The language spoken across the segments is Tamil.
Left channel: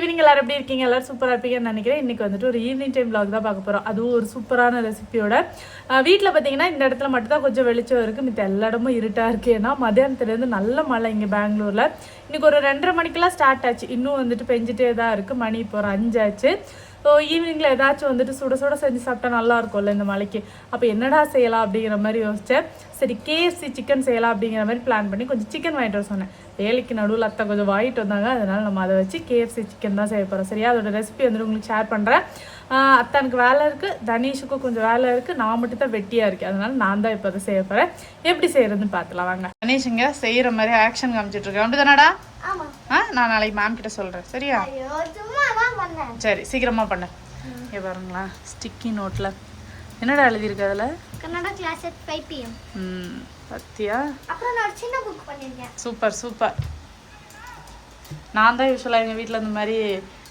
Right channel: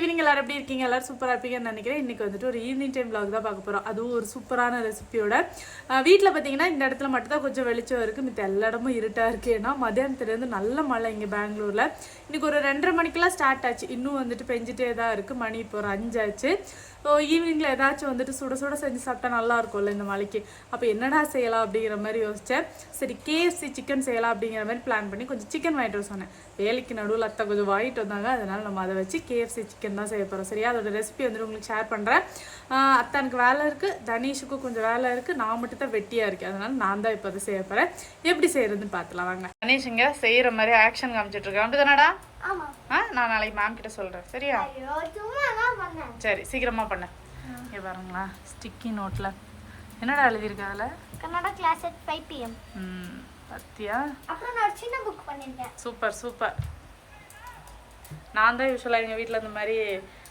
ஈவினிங் எல்லாரும் எப்படி இருக்கீங்க? எல்லாரும் சூப்பராக இருப்பீங்கன்னு நினைக்கிறேன். இன்னைக்கு வந்துட்டு ஒரு ஈவினிங் டைம் vlog தான் பார்க்க போகிறோம் அதுவும் ஒரு சூப்பரான ரெசிபியோட வீட்டில் பார்த்தீங்கன்னா இந்த இடத்துல மட்டும் தான் கொஞ்சம் வெளிச்சம் இருக்குது மித்த எல்லா இடமும் இருட்டாக இருக்குது ஏன்னா மதியானத்துலேருந்து நல்ல மழை இங்கே பெங்களூரில். இன்றைக்கி ஒரு ரெண்டரை மணிக்கெல்லாம் ஸ்டார்ட் ஆச்சு. இன்னும் வந்துட்டு பெஞ்சிட்டே தான் இருக்குது மணி இப்போ ஒரு அஞ்சாச்சு. ஈவினிங்கில் ஏதாச்சும் வந்துட்டு சுட சுட செஞ்சு சாப்பிட்டா நல்லா இருக்கும்ல இந்த மலைக்கு. அப்போ என்னடா செய்யலாம் அப்படிங்கிற மாதிரி யோசித்தேன் சரி கேஎஃப்சி சிக்கன் செய்யலாம் அப்படிங்கிற மாதிரி பிளான் பண்ணி கொஞ்சம் சிக்கன் வாங்கிட்டு வர சொன்னேன். வேலைக்கு நடுவில் அத்தை கொஞ்சம் வாங்கிட்டு வந்தாங்க. அதனால நம்ம அதை வச்சு கேஎஃப்சி சிக்கன் தான் செய்ய போகிறோம் சரியா அதோட ரெசிபி வந்துட்டு உங்களுக்கு ஷேர் பண்ணுறேன் அத்தனுக்கு வேலை இருக்குது தனீஷுக்கும் கொஞ்சம் வேலை இருக்குது நான் மட்டும் தான் வெட்டியாக இருக்கேன். அதனால நான் தான் இப்போ அதை செய்ய போகிறேன் எப்படி செய்யறதுன்னு பார்த்துலாம் வாங்க. தனீஷ் இங்கே செய்கிற மாதிரி ஆக்ஷன் காமிச்சிட்டு இருக்கேன். அப்படி தானடா ஆமா. ஆ நான் நாளைக்கு மேம் கிட்ட சொல்கிறேன் சரியா ஐயோ சும்மா தான் பண்ணேன் சரி சீக்கிரமா பண்ணு. இங்கே பாருங்களா ஸ்டிக்கி நோட்டில் என்னடா எழுதியிருக்கு அதில்? Kannada class at five PM ம் பத்தியா? அப்புறம் நான் சின்ன புக் பண்ணியிருக்கேன். Super super. நான் தான் யூஸ்வலாக எங்கள் வீட்டில் இந்த மாதிரி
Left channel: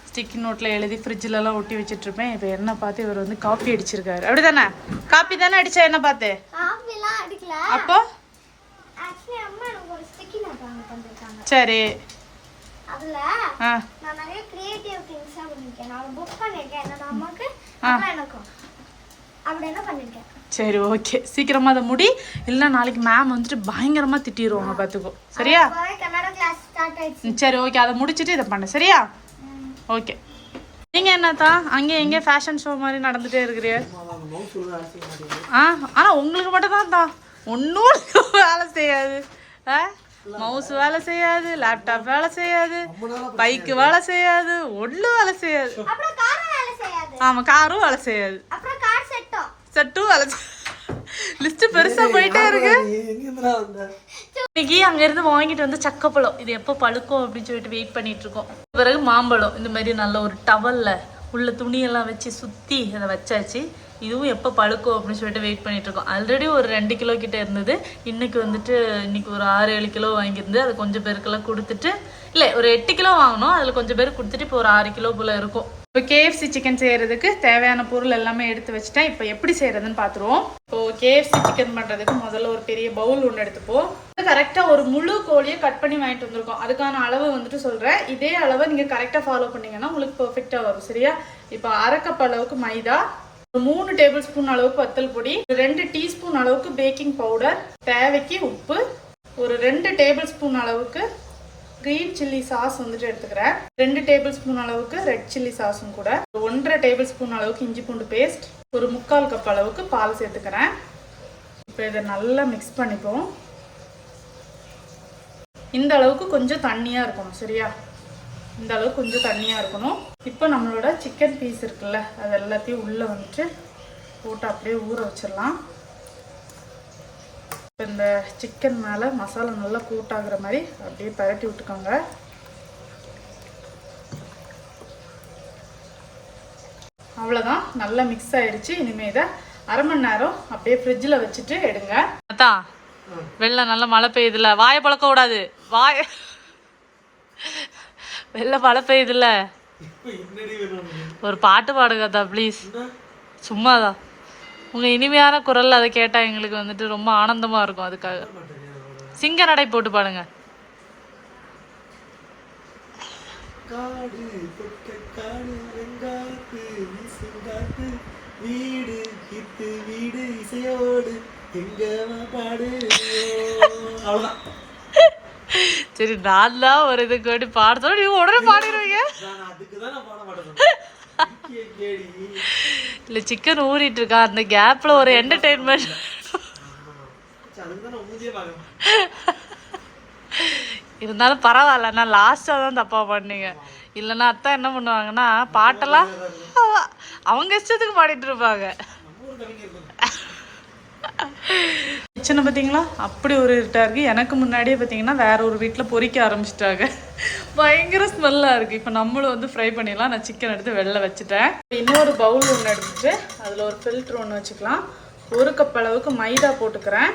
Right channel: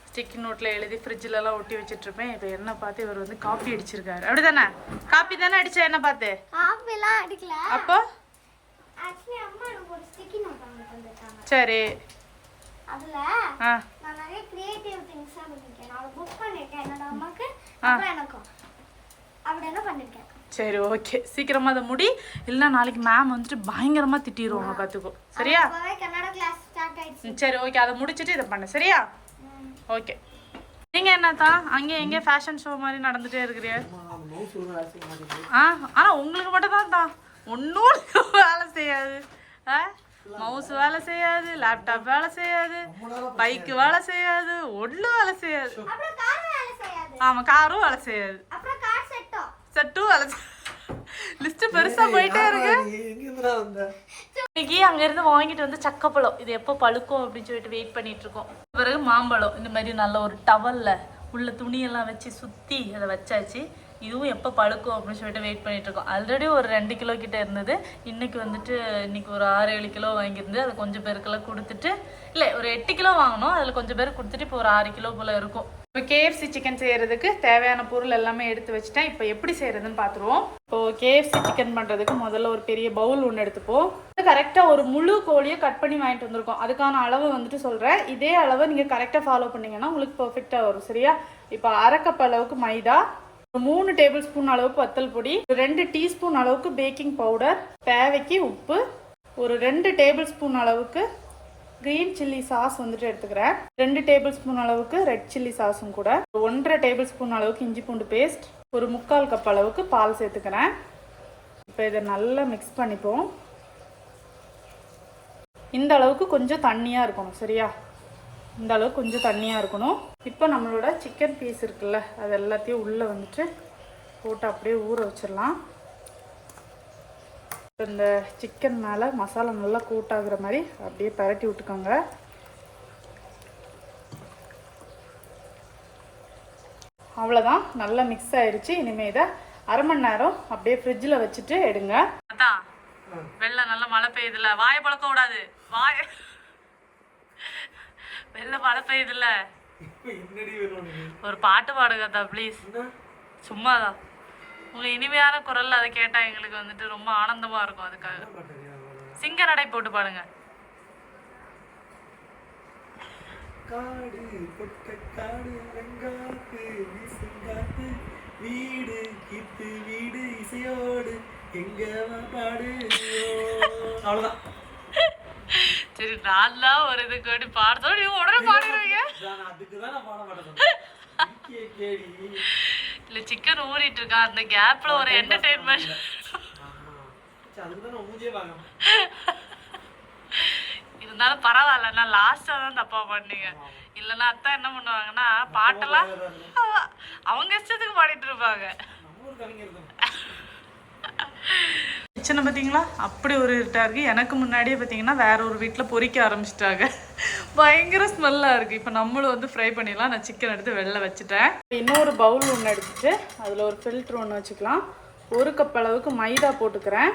ஸ்டிக்கி நோட்டில் எழுதி ஃப்ரிட்ஜிலலாம் ஒட்டி வச்சிட்ருப்பேன் இப்போ என்ன பார்த்து இவர் வந்து காப்பி அடிச்சிருக்காரு. அப்படி தானே காப்பி தானே அடிச்சா என்ன பார்த்து? அப்போ? சரி. அதுல ஆ நான் நிறைய கிரியேட்டிவ் திங்ஸாக பண்ணியிருக்கேன் நான் புக் பண்ணியிருக்கேன். என்னோட அம்மாக்கு அப்புறம் எனக்கும். அப்படி என்ன பண்ணியிருக்கேன். சரி ஓகே சீக்கிரமாக அதை முடி. இல்லைன்னா நாளைக்கு மேம் வந்துட்டு பயங்கரமாக திட்டிடுவாங்க பார்த்துக்கோ. சரியா? சரி ஓகே அதை முடிச்சிட்டு இதை பண்ணு. சரியா? ஓகே நீங்கள் என்னத்தா? அங்கே எங்கே ஃபேஷன் ஷோ மாதிரி நடந்துகிட்டே இருக்கிறிய ஆ ஆனால் உங்களுக்கு மட்டும் தான் தான் ஒன்றும் வேலை செய்யாது. ஆ? மவுஸ் வேலை செய்யாது லேப்டாப் வேலை செய்யாது பைக்கு வேலை செய்யாது ஒன்றும் வேலை செய்யாது. ஆமாம் காரும் வேலை செய்யாது. செட்டும் வேலை லிஸ்ட்டு பெருசாக போயிட்டே இருக்கு. இன்னைக்கு அங்கேருந்து வாங்கிட்டு வந்து சக்கப்பழம். இது எப்போ பழுக்கும் அப்படின்னு சொல்லிட்டு வெயிட் பண்ணிட்டு இருக்கோம். பிறகு மாம்பழம். இந்த மாதிரி நல்ல ஒரு டவல்ல உள்ள துணியெல்லாம் வச்சு சுற்றி அதை வச்சாச்சு. இதுவும் எப்போ பழுக்கும் அப்படின்னு சொல்லிட்டு வெயிட் பண்ணிட்டு இருக்கோம் ஆல்ரெடி ஒரு ரெண்டு கிலோ கிட்ட இருந்தது. இன்னைக்கு வந்துட்டு இன்னைக்கு ஒரு ஆறு ஏழு கிலோ வாங்கியிருந்து அது கொஞ்சம் பேருக்கெல்லாம் கொடுத்துட்டு இல்லை ஒரு எட்டு கிலோ வாங்கினோம் அதில் கொஞ்சம் பேர் கொடுத்துட்டு இப்போ ஒரு ஆறு கிலோ போல் இருக்கும். இப்போ கேஎஃப்சி சிக்கன் செய்கிறதுக்கு தேவையான பொருள் எல்லாமே எடுத்து வச்சுட்டேன். இப்போ எப்படி செய்கிறதுன்னு பார்த்துருவோம் இப்போது கேஎஃப்சி சிக்கன் பண்ணுறதுக்கு முதல்ல ஒரு பெரிய பவுல் ஒன்று எடுத்துப்போம். கரெக்டாக ஒரு முழு கோழியை கட் பண்ணி வாங்கிட்டு வந்திருக்கோம். அதுக்கான அளவு வந்துட்டு சொல்கிறேன் இதே அளவை நீங்கள் கரெக்டாக ஃபாலோ பண்ணிங்கன்னா உங்களுக்கு பர்ஃபெக்டாக வரும். சரியா? இப்போ அரை அளவுக்கு மைதா மூணு டேபிள் ஸ்பூன் அளவுக்கு வத்தல் பொடி ஒரு ரெண்டு டீஸ்பூன் அளவுக்கு பேக்கிங் பவுடர் தேவைக்கு உப்பு ஒரு ரெண்டு டேபிள் ஸ்பூன் அளவுக்கு கிரீன் சில்லி சாஸ் வந்துட்டு எடுத்துக்கிறேன். ரெண்டு டேபிள் ஸ்பூன் அளவுக்கு ரெட் சில்லி சாஸும் கூட. ஒன்றரை டேபிள் ஸ்பூன் அளவுக்கு இஞ்சி பூண்டு பேஸ்ட் ஒரு முக்கால் கப் அளவுக்கு பால் சேர்த்துக்கிறேன். இப்போ இதை நல்லா மிக்ஸ் பண்ணிப்போம். இந்த அளவுக்கு கொஞ்சம் தண்ணியாக இருக்கணும் சரியா? இந்த அளவுக்கு கொஞ்சம் தண்ணியாக இருக்கணும். இப்போ நம்மளோட சிக்கன் பீஸ் இருக்குல்ல அது எல்லாத்தையும் உள்ளே வந்துட்டு போட்டு அப்படியே ஊற வச்சிடலாம். இப்போ இந்த சிக்கன் மேலே மசாலா நல்லா கோட் ஆகுற மாதிரி அப்படியே பரட்டி விட்டுக்கோங்க. அவ்வளோதான் நல்லா மிக்ஸ் ஆயிடுச்சு. இனிமேல் இதை அரை மணி நேரம் அப்படியே ஃப்ரிட்ஜில் வச்சுட்டு எடுங்க. அதான் வெள்ளை நல்லா மழை பெய்யுதுல வாயை பழக்க கூடாது வாய வெள்ளை மழை பெய்யுதுல்ல ஒரு பாட்டு பாடுங்க அத்தா ப்ளீஸ் சும்மாதான். உங்க இனிமையான குரல்ல அதை கேட்டா எங்களுக்கு வந்துட்டு ரொம்ப ஆனந்தமா இருக்கும் அதுக்காக. சிங்க நடை போட்டு பாடுங்க. வீடு கித்து வீடு இசையோடு எங்க பாடு அவ்வளவுதான். சரி நான் தான் ஒரு இது கேட்டு பாடுறதோட நீங்க உடனே பாடிடுவீங்க. இல்ல சிக்கன் ஊறிட்டு இருக்கா? அந்த கேப்ல ஒரு என்டர்டெயின்மெண்ட் இருந்தாலும் பரவாயில்ல நான் லாஸ்டா தான் தப்பா பண்ணீங்க. இல்லைன்னா அத்தை என்ன பண்ணுவாங்கன்னா பாட்டெல்லாம் அவ- அவங்க இஷ்டத்துக்கு பாடிட்டு இருப்பாங்க நம்ம ஒரு கவிஞர் தான் கிச்சனை பார்த்தீங்களா அப்படி ஒரு இருட்டாக இருக்குது எனக்கு முன்னாடியே பார்த்தீங்கன்னா வேற ஒரு வீட்டில் பொரிக்க ஆரம்பிச்சிட்டாங்க. பயங்கர ஸ்மெல்லாக இருக்குது இப்போ நம்மளும் வந்து ஃப்ரை பண்ணிடலாம். நான் சிக்கன் எடுத்து வெளில வச்சுட்டேன். இன்னொரு பவுல் ஒன்று எடுத்துட்டு அதில் ஒரு ஃபில்ட்ரு ஒன்று வச்சுக்கலாம். ஒரு கப் அளவுக்கு மைதா போட்டுக்கிறேன்.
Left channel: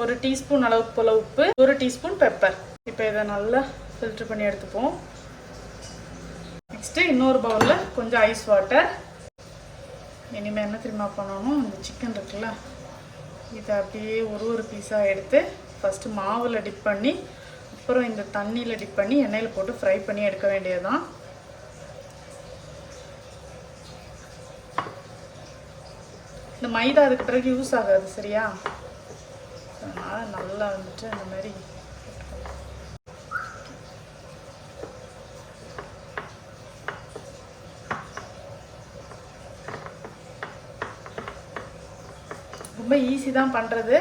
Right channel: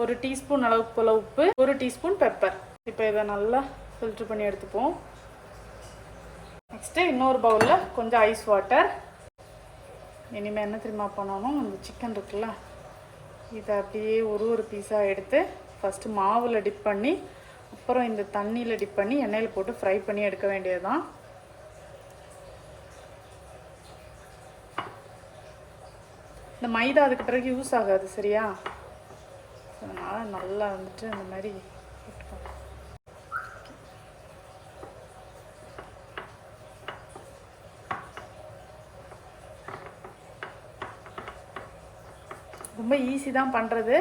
ஒரு டீஸ்பூன் அளவுக்கு போல் உப்பு ஒரு டீஸ்பூன் பெப்பர் இப்போ இதை நல்லா ஃபில்ட்ரு பண்ணி எடுத்துப்போம். நெக்ஸ்ட்டு இன்னொரு பவுலில் கொஞ்சம் ஐஸ் வாட்டர் இனிமேல் என்ன தெரியுமா பண்ணணும்? இந்த சிக்கன் இருக்குல்ல. இதை அப்படியே ஒரு ஒரு பீஸாக எடுத்து ஃபஸ்ட்டு மாவில் டிப் பண்ணி அப்புறம் இந்த தண்ணியில் டிப் பண்ணி எண்ணெயில் போட்டு ஃப்ரை பண்ணி எடுக்க வேண்டியதுதான். இந்த மைதா அதுக்கு பிறகு யூஸ் ஆகாது சரியா? அதனால் நல்லா வந்துட்டு அந்த மாதிரி ரொம்ப ஈஸி தான் பண்ணுறது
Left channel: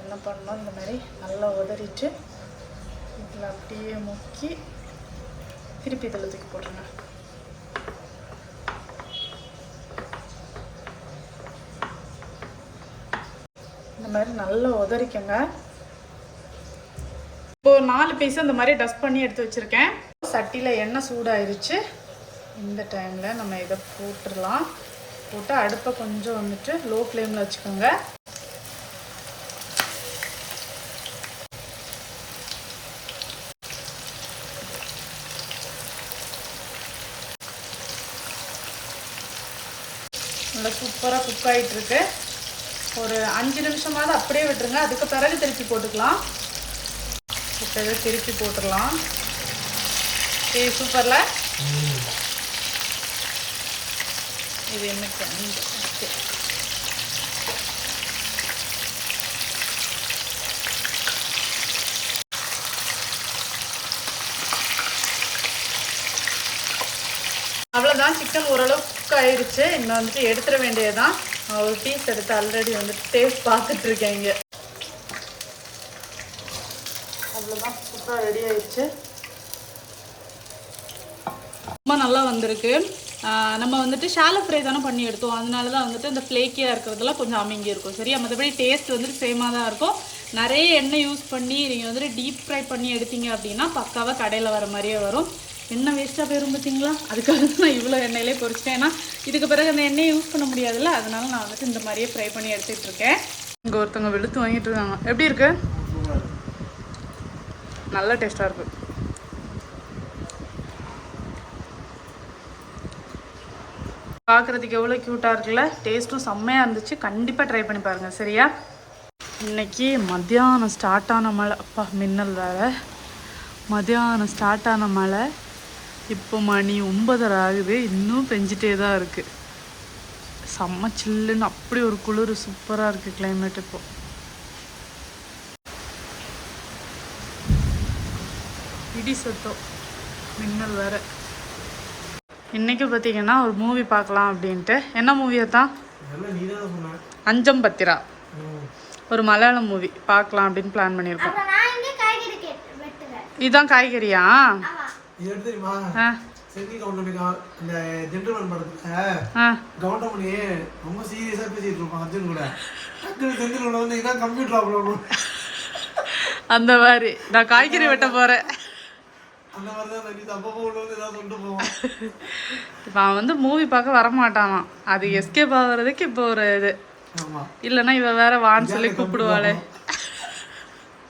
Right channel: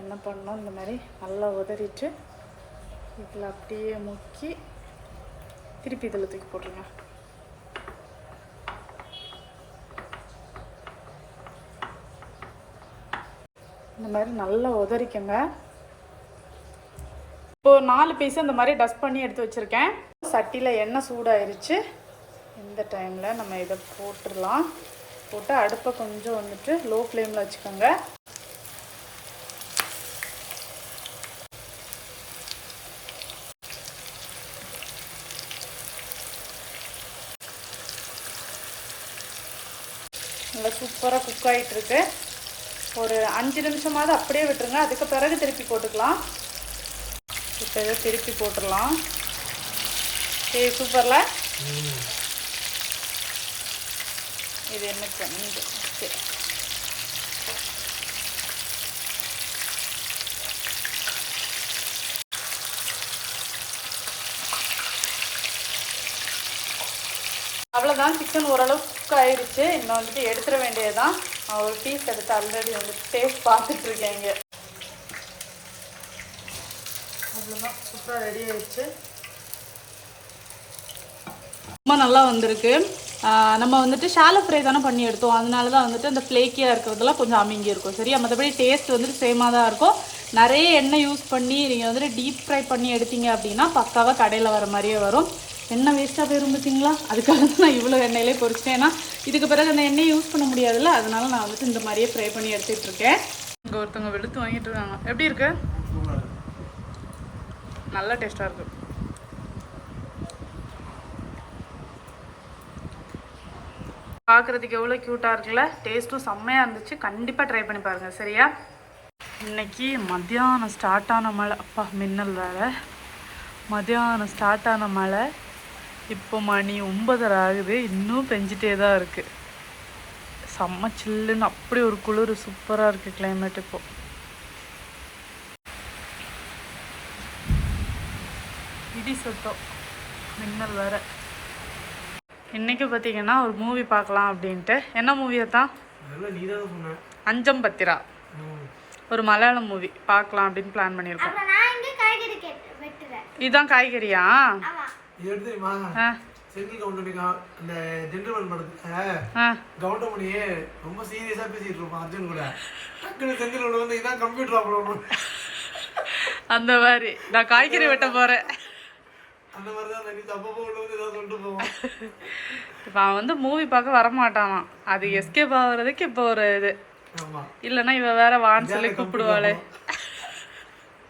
என்ன பண்ணோம் இந்த மாதிரி நல்லா உதறிட்டு இதில் அப்படியே முக்கி திருப்பி இதில் தூக்கி போட்டுருங்க இந்த மாதிரி நல்லா உதறிக்கங்க. இப்போ நாலு பீஸ் இந்த மாதிரி டஸ்ட் பண்ணி எடுத்து வச்சுருக்கேன். சட்டியில் எண்ணெய் சூடாயிருச்சு. இந்த டைமில் நம்ம இதை போட்டுடலாம். போட்டு அடுப்பை கொஞ்சம் வந்துட்டு லோ ஃப்ளேமில் வச்சுக்கோங்க. நல்லா சூப்பராக குக் ஆகிட்டு இருக்கு ஒரு அஞ்சு நிமிஷமாவது அப்படியே விட்டுருங்க. அதுக்கு பிறகு திருப்பி போட்டுக்கலாம். இப்போ திருப்பி போட்டுடலாம். டீ சூப்பரில் இது என்ன கண்டு அவ்வளோதான் சிக்கன் ஓரளவு குக் ஆயிடுச்சு நான் வந்துட்டு எடுத்துட வேண்டியதுதான். நான் ஒரு பீஸ் எடுத்து ஆல்ரெடி வந்துட்டு டேஸ்ட் பார்த்துட்டு இருக்கேன் அவ்வளோதான் சூப்பராக ரெடி ஆயிடுச்சு ரொம்ப நல்லா வந்திருக்கு. நம்ம வந்துட்டு ஷாலோ ஃப்ரை தானே பண்ணி எடுத்தோம். அதனால தான் வந்துட்டு அந்த ஃப்ளேக்கியாக இருக்கிறதுலாம் கொஞ்சம் அமைங்கி இருக்கும். சரியா? மற்றபடி டேஸ்ட் வந்துட்டு சேமாக தான் இருக்கும். நிறைய எண்ணெய் யூஸ் பண்ணி நீங்கள் வந்துட்டு டீப் ஃப்ரை பண்ணி எடுத்தீங்க அப்படின்னா பக்காவாக கடையில் வர மாதிரியே வரும். எண்ணெய் வேஸ்ட்டாக போயிரும் பார்த்தீங்களா அதுக்காக தான் நான் இவ்வளோ எண்ணெயிலே பொரிச்சிட்டேன் ஏன்னா இதுக்கு பிறகு அந்த எண்ணெயை யூஸ் பண்ண முடியாதுல்ல. அதனால நான் வந்துட்டு இந்த மாதிரியே ஃப்ரை பண்ணி எடுத்துகிட்டு இருக்கேன். இங்கே ஒருத்தவங்க வெளுத்து வாங்கிட்டு இருக்காங்க. எப்படி இருக்கு? நல்ல டேஸ்ட்டாக இருக்கும் பார்க்குறதுக்கு எவ்வளோ க்யூட்டாக இருக்குல்ல? டேஸ்ட்டும் செம்மையாக இருந்துச்சு. கண்டிப்பாக ட்ரை பண்ணி பாருங்கள் சரியா? இன்னைக்கு மத்தியானம் ஸ்டார்ட் ஆன மழை. அப்பா மின்னல் வேறு. மத்தியானம் ஸ்டார்ட் ஆன மழை. இப்போ மணி ஒன்பதரை ஆகுது. இன்னும் பெஞ்சிட்டே தான் இருக்குது செம்ம சில்லுன்னு அப்படி ஒரு குளிர் சூப்பராக இருக்குது கிளைமேட் இப்போ. இடி சத்தம். மின்னல் வேற. இன்னைக்கு பார்த்தீங்கன்னா ஒரு மூவி பார்க்கலாம் அப்படின்ட்டு. என்ன மூவியை தான் அஞ்சம் பத்திரா. ஒரு மலையாளம் மூவி பார்க்கலாம் அப்படின்னு பிளான் பண்ணியிருக்கோம். அப்ப நான் இங்க காய்கறி கேட்டு வெட்டுறேன். இதுதான் காய்கறியா? ரொம்ப சீரியஸா பேசிட்டு இருப்பான் அர்ஜுன் கூட. டக்குனு செந்தில் உள்ள வந்து இதான் கம்ப்யூட்டர் ஆகணும் அந்த மாதிரி. நான் காய்கறி வெட்ட போகிறேன் இப்போ அவன் வந்து மூவி பார்க்க வரமாட்டானாம். அது எஸ்கேப் ஆகுறதுக்கு இப்போ ஒரு இது. இல்லைன்னா இவ வேற வான்னு சொல்லி கூப்பிடுவாளே.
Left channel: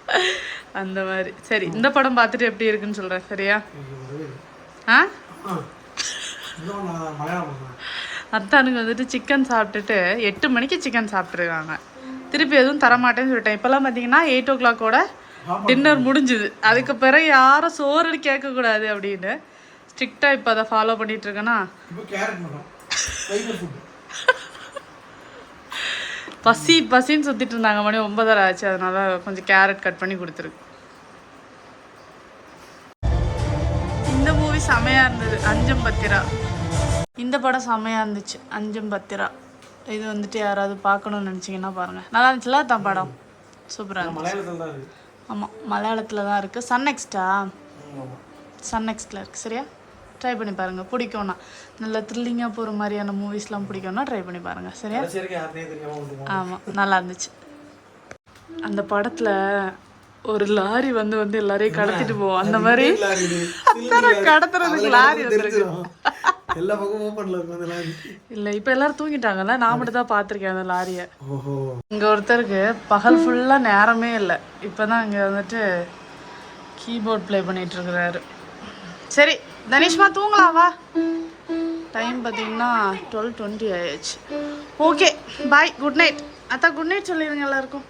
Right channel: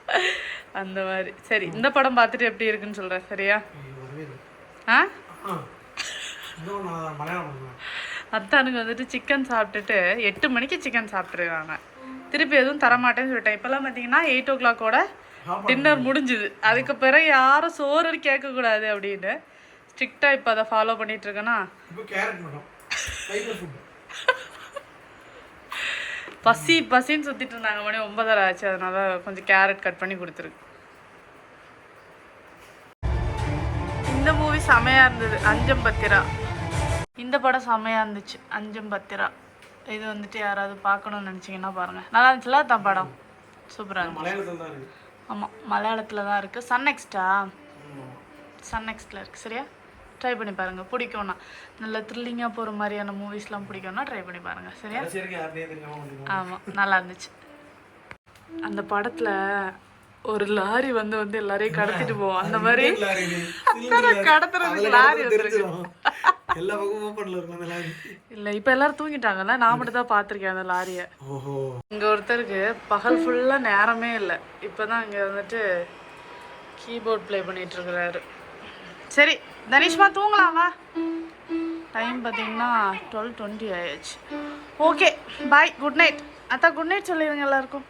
அந்த மாதிரி. சரி இந்த படம் பார்த்துட்டு எப்படி இருக்குன்னு சொல்கிறேன் சரியா. ஆ? அத்தானுங்க வந்துட்டு சிக்கன் சாப்பிட்டுட்டு எட்டு மணிக்கு சிக்கன் சாப்பிட்ருக்காங்க திருப்பி எதுவும் தரமாட்டேன்னு சொல்லிட்டேன். இப்போல்லாம் பார்த்தீங்கன்னா எயிட் ஓ கிளாக்கோட டின்னர் முடிஞ்சுது. அதுக்கு பிறகு யாரும் சோறு கேட்கக்கூடாது அப்படின்னு ஸ்ட்ரிக்டாக இப்போ அதை ஃபாலோ பண்ணிட்டு இருக்கேன்னா பசி பசின்னு சுற்றிட்டு இருந்தாங்க மணி ஒன்பதரை ஆச்சு. அதனால கொஞ்சம் கேரட் கட் பண்ணி கொடுத்துருக்கு. இந்த மூவி செமையாக இருந்தது. அஞ்சம் பத்திரா. இந்த படம் செமையாக இருந்துச்சு. அஞ்சம் பத்திரா. இது வந்துட்டு யாராவது பார்க்கணும்னு நினச்சிங்கன்னா பாருங்கள் நல்லா இருந்துச்சுல தான் படம். சூப்பராக இருந்துச்சு. ஆமாம் மலையாளத்தில் தான் இருக்குது சன் நெக்ஸ்டா. சன் நெக்ஸ்டில் இருக்குது சரியா? ட்ரை பண்ணி பாருங்கள் பிடிக்கும்னா. நல்ல த்ரில்லிங்காக போகிற மாதிரியான மூவிஸ்லாம் பிடிக்கும்னா ட்ரை பண்ணி பாருங்கள் சரியா? ஆமாம் நல்லா இருந்துச்சு. அந்த படத்தில் ஒரு லாரி வந்து வந்து எல்லாரையும் கடத்திட்டு போவோம். அந்த மாதிரி கடத்துறதுக்கு லாரி வந்துருக்கு. எல்லா பக்கமும் ஓப்பன்ல இருக்கும் அந்த லாரி இல்லை இப்போ எல்லாரும் தூங்கிட்டாங்கல்ல நான் மட்டும் தான் பார்த்துருக்கேன் அந்த லாரியை ஓஹோ. இங்கே ஒருத்தருக்கு பகல் ஃபுல்லாக நேரமே இல்லை. இப்போ தான் இங்கே வந்துட்டு கீபோர்ட் ப்ளே பண்ணிட்டு இருக்கிறாரு சரி தனிஷ்மா தூங்கலாம் வா. டைம் பார்த்தீங்கன்னா டுவெல் டுவெண்ட்டி ஆயிடுச்சு. ஓகே பாய் குட் நைட் அத்தா குட் நைட் சொல்லிடுங்க எல்லாருக்கும்.